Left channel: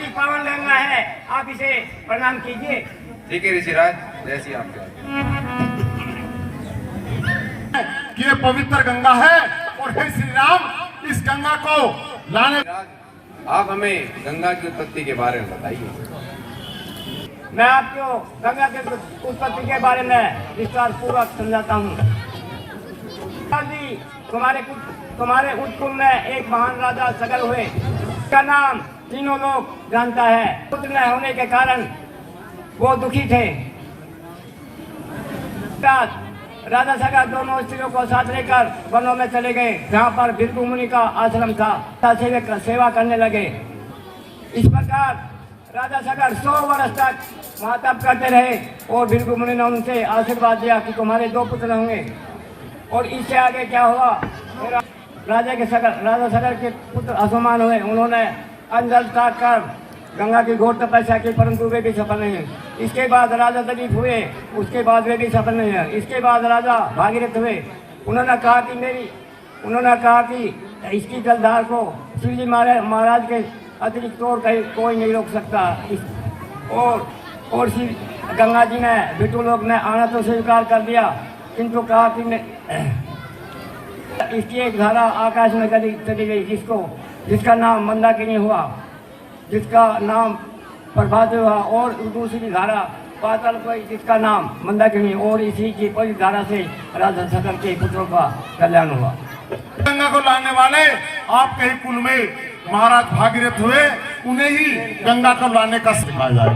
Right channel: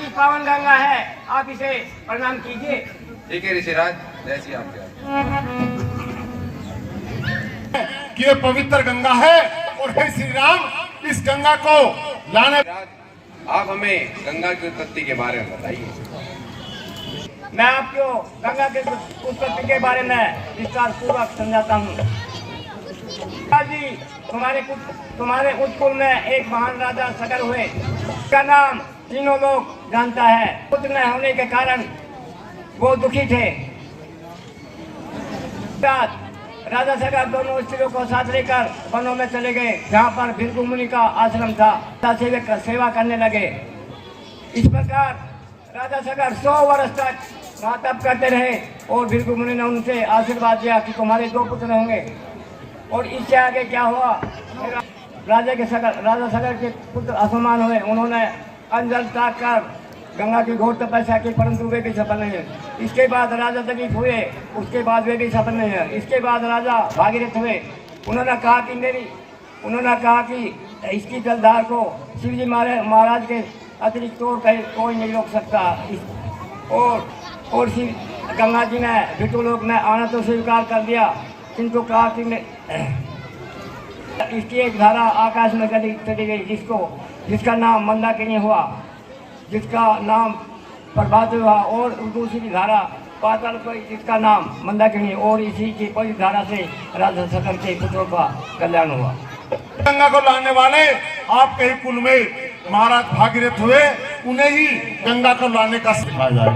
की पावन गंगा है, आप इसे प्रणाम कीजिए। ठीक है ऋषिराज, जैसी आप कि ये पवित्र गंगा है और हे श्री राम इस गंगा को लाने। आप हमें गंगा की उत्पत्ति के बारे में बताइए। मैं आपको गंगा के उत्पत्ति के बारे में विस्तार पूर्वक समझाता हूँ। तुम्हारे उत्कुल में एक महान राजा सगर हुए, का नाम तीनों लोग जानता है। पुत्र न होने के कारण वो दुखी थे। राजा सगर दोनों स्त्रियों को साथ लेकर वनों में चले गए, जहाँ पर भृगु मुनि का आश्रम था। सेवा करने लगे। इस प्रकार राजा सगर 100 वर्ष तक वहाँ तप करते रहे और भृगु मुनि ने उनसे आशीर्वाद दिया कि तुम्हारे 2 पुत्र होंगे। और इससे आगे क्या हुआ, राजा सगर के पुत्र असमान हुए। उन्होंने अंजल ताक कर गंगा की घोर तपस्या की, परंतु वे भी सफल नहीं है। इसके बाद राजा दलीप हुए, उसके बाद वे भी सफल नहीं है। इसके बाद राजा भागीरथ हुए। उन्होंने कहा कि इसकी जलधार को शिव जी महाराज के अतिरिक्त और कोई नहीं रोक सकता। और शिव गंगा जी ने विष्णुलोक में आना तो स्वीकार कर दिया, किंतु कहा कि इसकी एक धारा आकाश में चली गई, जिसका नाम मंदाकिनी हुआ, जिसका नाम प्रभात हुआ। और दूसरी धारा पाताल गई, जिसका नाम मंदाकिनी। और इसी की पवित्र धारा से राजा सगर के पुत्रों का कल्याण हुआ। गंगा को लाने वाले आपके ही कुल में महाराज भागीरथ हुए, उन्हें ही गंगा को लाने का सिखाया जाए।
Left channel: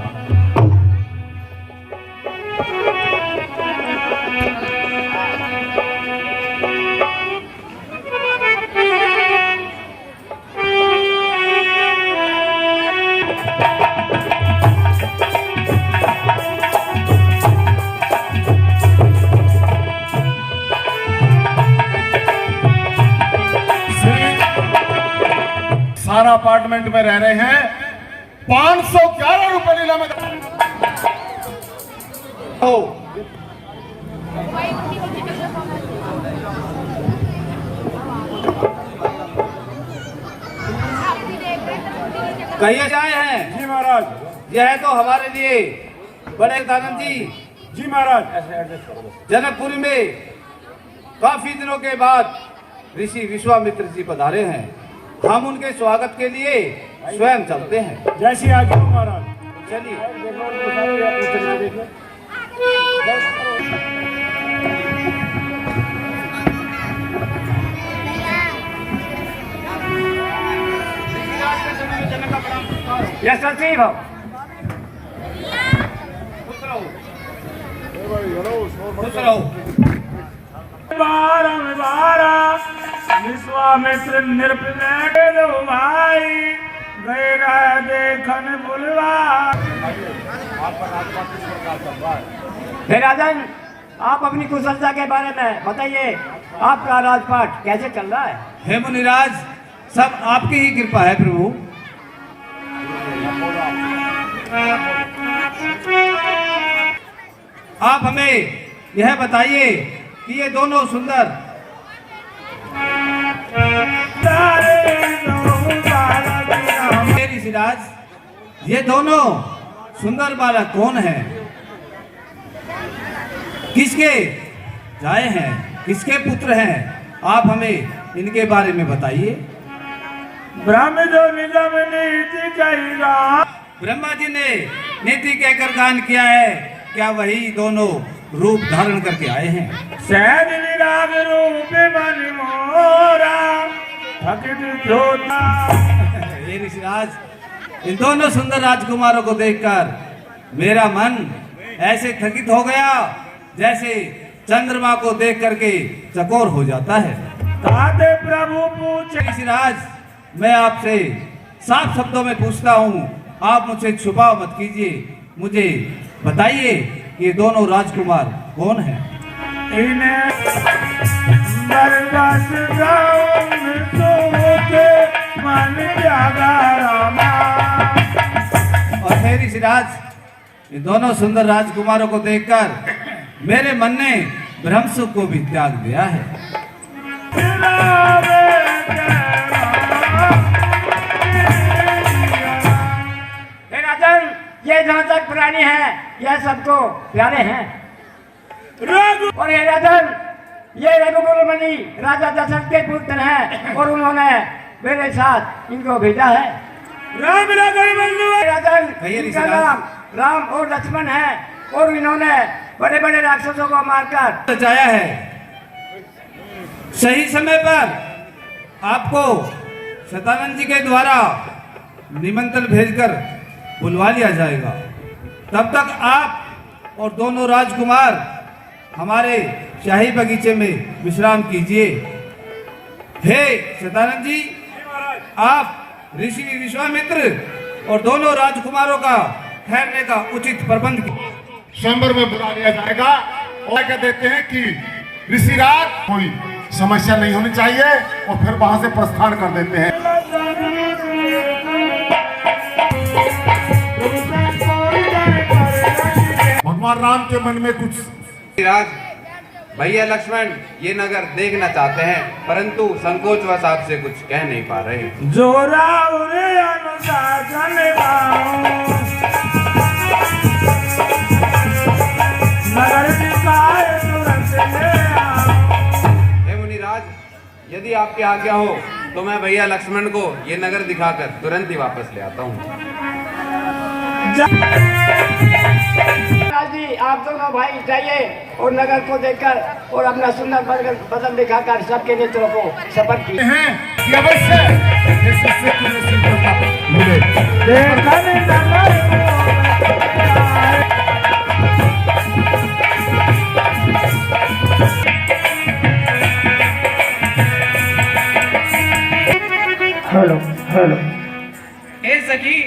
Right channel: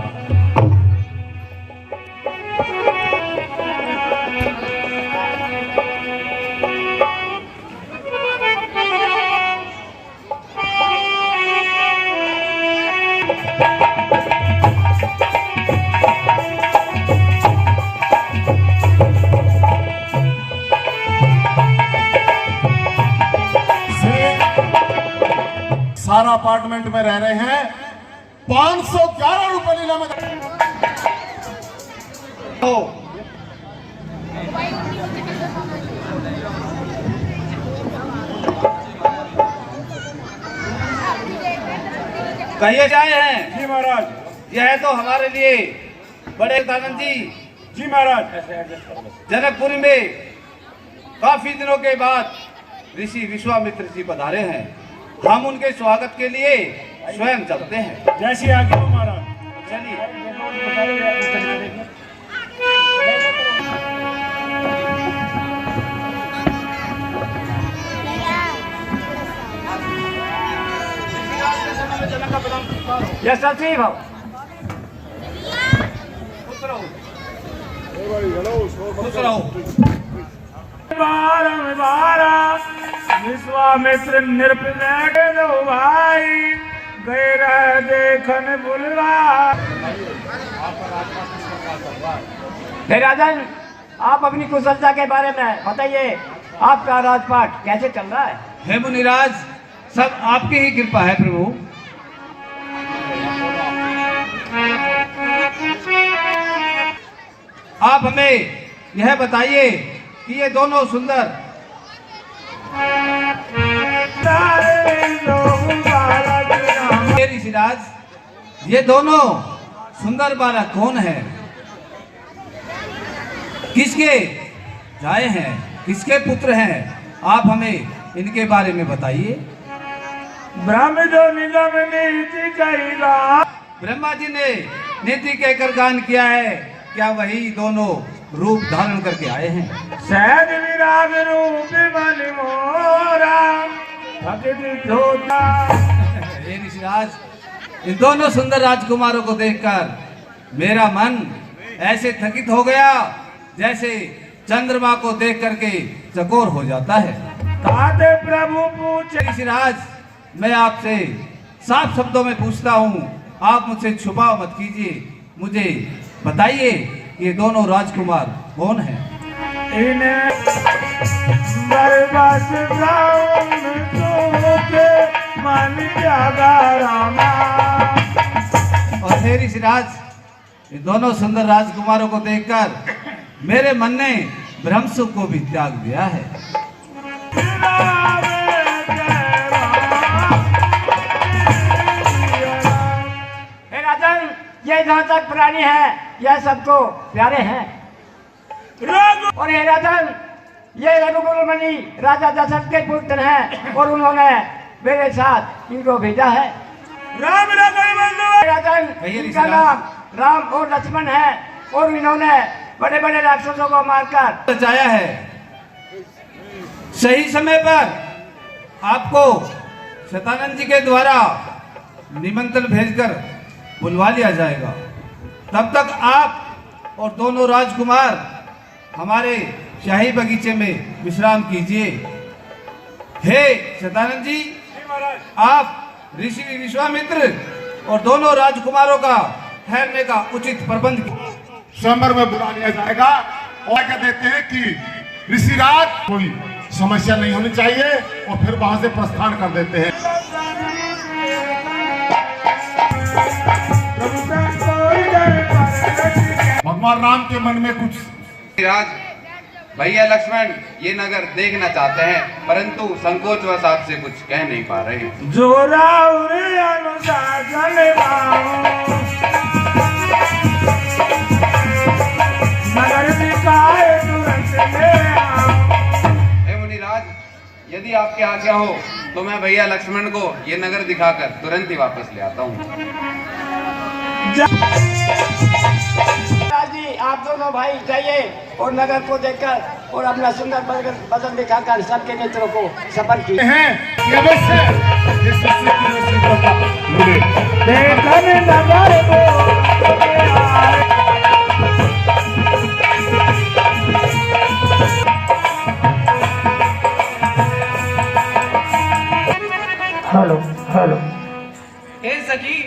सारा अपार्टमेंट में रह रहे हैं, 511 रुपए लीला में कहिए जाए हैं। जी महाराज। यह है तो हमारे लिए बड़े दानंद जी। जी महाराज। जनकपुरी में काफी दिनों के बाद ऋषि विश्वामित्र जी पधारे हैं। हम उनके स्वागत के लिए स्वयं चलते हैं। जैसी आज्ञा हो महाराज। चलिए। यह सचिव हो। खुश रहो। विश्वामित्र नृप भाई देखन बुलवा। राजन, आप अपनी कुशलता के बारे में बताइए, आपका राजपाट कैसे चल रहा है? हे मुनिराज, सब आपकी ही कृपा है प्रभु। आप हमें यह बताइए कि ये दोनों सुंदर ऋषिराज, ये दोनों सुंदर बालक कौन है? किसके जाए हैं, किसके पुत्र हैं? आप हमें इनके बारे में बताइए। ब्रह्म जो निगम नीति करेगा। ब्रह्मा जी ने नीति कहकर गान किया है, क्या वही दोनों रूप धारण करके आए हैं? सहज विराग रूप बन मोरा ये ऋषिराज, इन दोनों सुंदर राजकुमारों को देखकर मेरा मन ऐसे थकित हो गया जैसे चंद्रमा को देख करके चकोर हो जाता है। ताते प्रभु पूछे। ऋषिराज, मैं आपसे साफ शब्दों में पूछता हूँ, आप मुझसे छुपाव मत कीजिए। मुझे बताइए ये दोनों राजकुमार कौन हैं? इन्हें बरदास गाँव में सो के मन त्यागा रामा। और हे ऋषिराज, ये दोनों सुंदर राजकुमारों को देखकर मेरे मन ने ब्रह्मसुख को भी त्याग दिया है। ये जहाँ तक प्राणी हैं यह सबको प्यारे हैं। और ये राजन ये रघुकुल मणि राजा दशरथ के पुत्र हैं और उन्होंने मेरे साथ इनको भेजा है। राजन इनका नाम राम और लक्ष्मण है और इन्होंने बड़े बड़े राक्षसों को मारकर बचाया है। सही समय पर आपको सतानंद जी के द्वारा निमंत्रण भेजकर बुलवा लिया जाएगा। तब तक आप और दोनों राजकुमार हमारे शाही बगीचे में विश्राम कीजिए। हे सतानंद जी, आप ऋषि विश्वामित्र और दोनों राजकुमारों का ठहरने का उचित प्रबंध कीजिए। स्वयंवर में बुला लिया जाएगा और कह देते हैं कि ऋषिराज कोई समस्या नहीं होनी चाहिए और फिर वहां से प्रस्थान कर देते हैं। भगवान राम के मन में कुछ राज भैया लक्ष्मण ये नगर देखना चाहते हैं परंतु संकोचवश आपसे कुछ कह नहीं पा रहे। जोरा उरे अनुशासन यदि आपकी आज्ञा हो तो मैं भैया लक्ष्मण को ये नगर दिखाकर तुरंत ही वापस ले आता हूँ। जी आप दोनों भाई जाइए और नगर को देखकर और अपना सुंदर बदन दिखाकर सबके मित्रों को सफर की हैं कि अवश्य इस शिष्य को शीतलता मिले। हेलो हेलो हे सखी,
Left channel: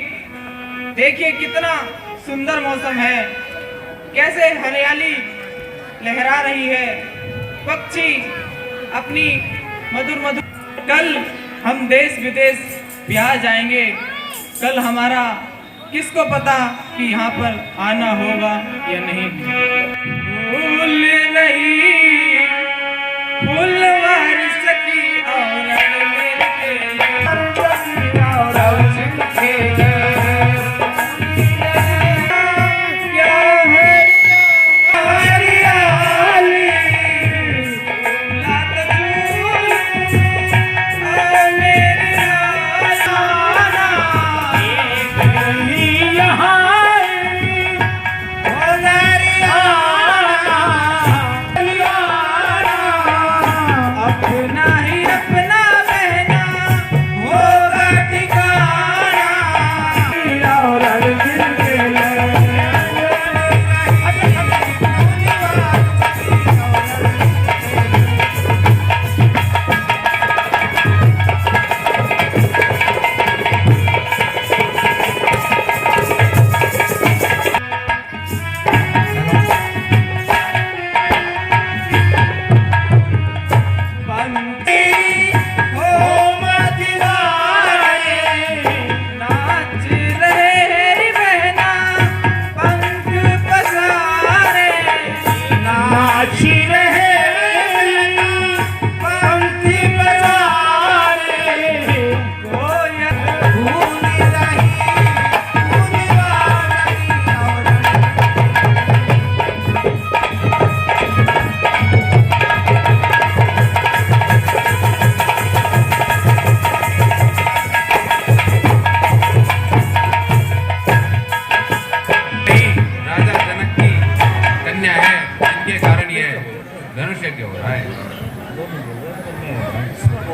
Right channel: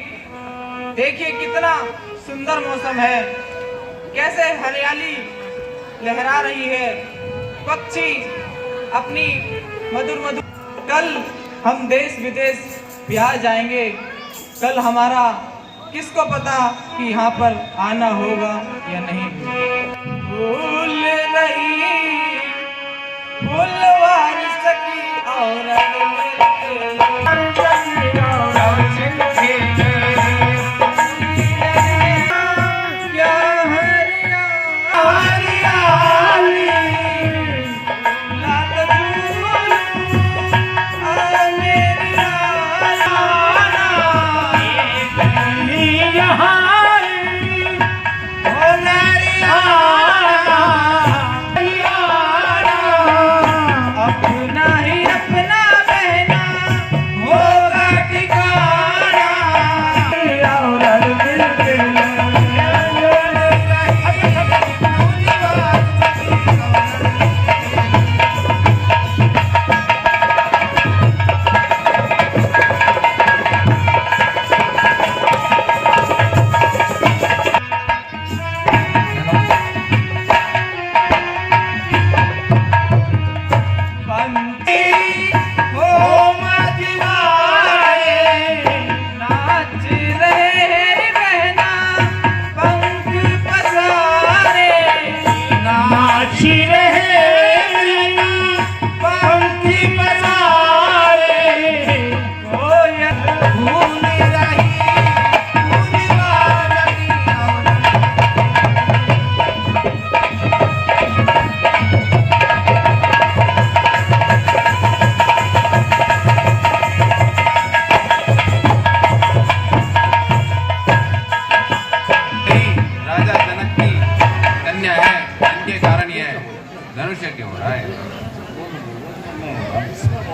देखिए कितना सुंदर मौसम है, कैसे हरियाली लहरा रही है, पक्षी अपनी मधुर मधुर। कल हम देश विदेश बिहार जाएंगे। कल हमारा किसको पता कि यहाँ पर आना होगा या नहीं। भूल नहीं फुलवारी सखी और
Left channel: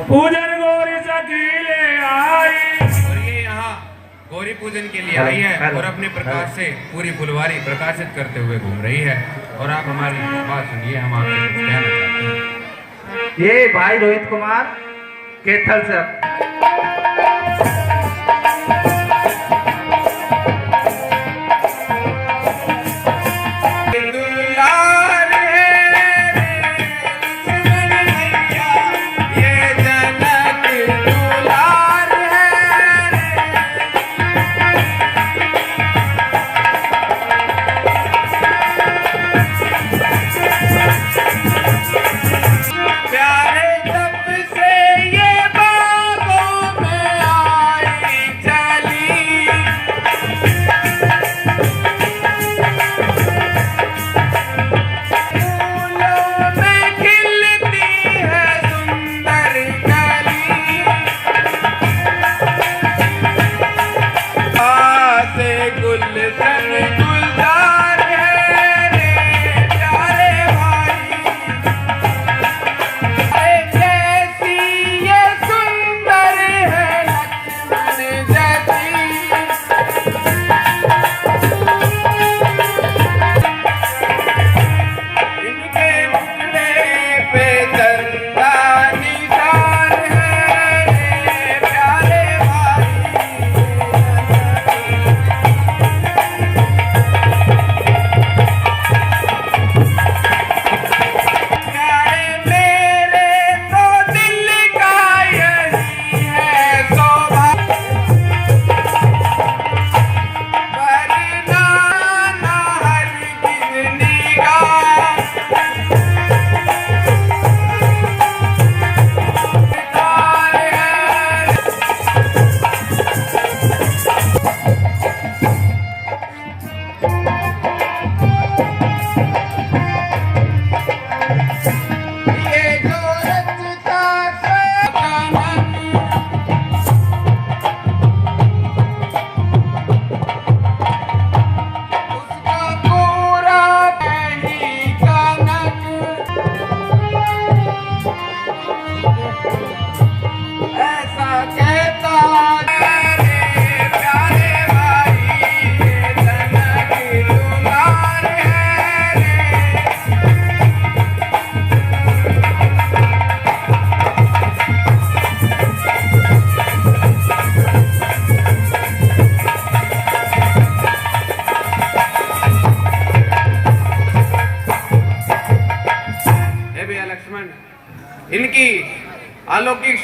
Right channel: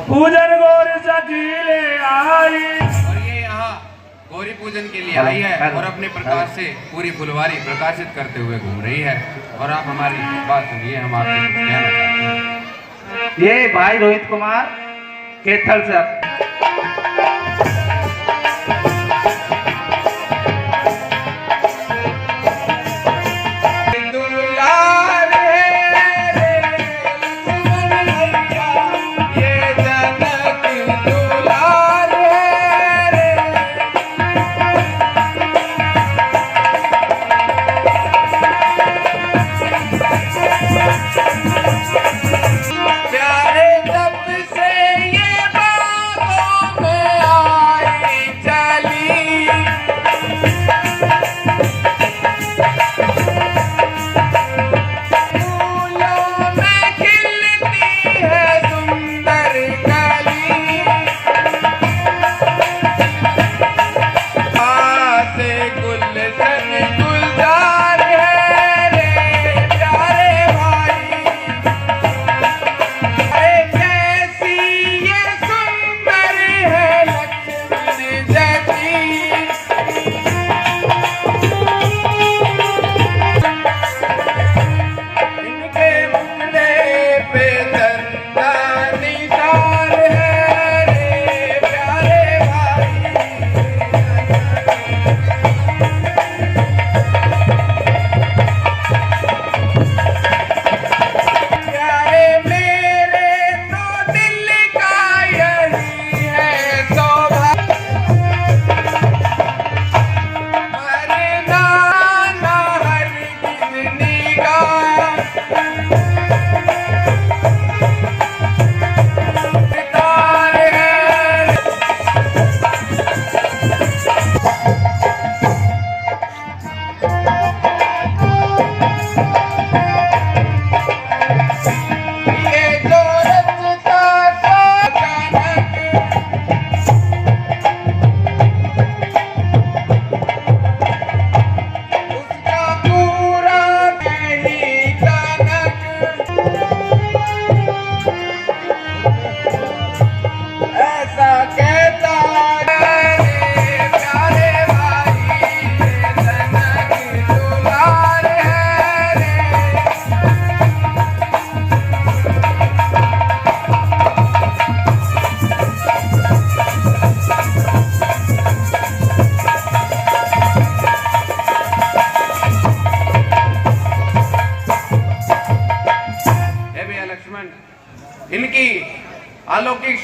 पूजन गौरी सखीले आई। और ये यहाँ गौरी पूजन के लिए आई है और अपने प्रकाश से पूरी फुलवारी प्रकाशित करते हुए घूम रही है। और आप हमारी बात सुनिए, हम आपसे कुछ कहना चाहते हैं। ये भाई रोहित कुमार केथल से प्यारे तब से ये बाबो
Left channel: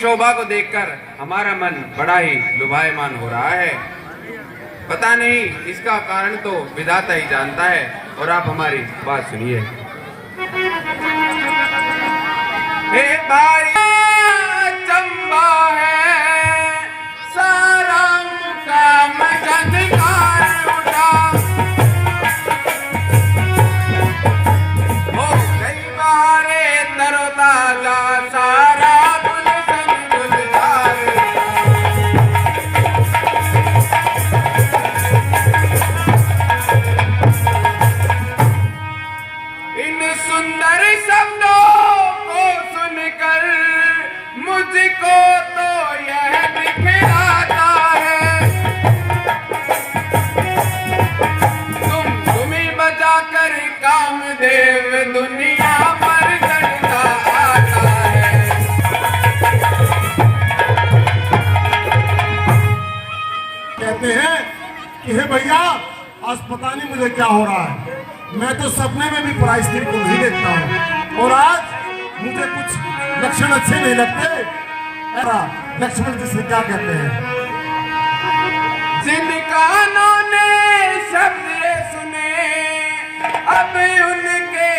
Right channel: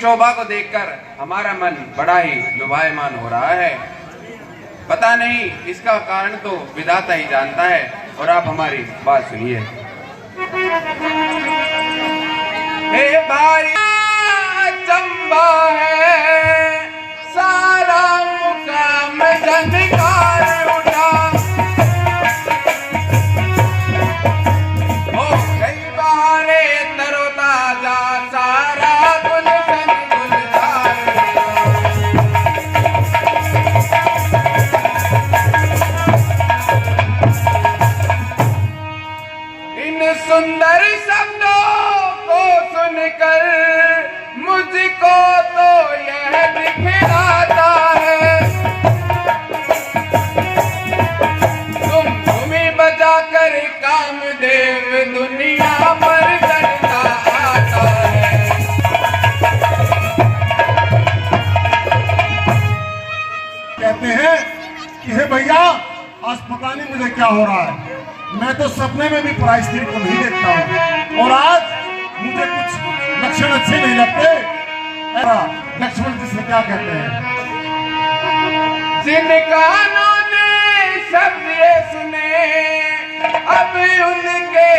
शोभा को देखकर हमारा मन बड़ा ही लुभायमान हो रहा है। पता नहीं इसका कारण तो विधाता ही जानता है। और आप हमारी बात सुनिए। हे भाई चंबा है सारा मुकाम जनकार उठा। ओ कई बारे तरोताजा सारा गुलशन गुलजार इन सुंदर शब्दों को सुनकर मुझको तो यह दिखलाता है। धुमी बजाकर कामदेव दुनिया पर करता आता है। कहते हैं कि हे भैया आज पता नहीं मुझे क्या हो रहा है, मैं तो सपने में भी पराई स्त्री को नहीं देखता हूँ और आज मुझे कुछ लक्षण अच्छे नहीं लगते। लक्ष्मण जी से क्या कहते हैं? जिन कानों ने शब्द ये सुने अब उनके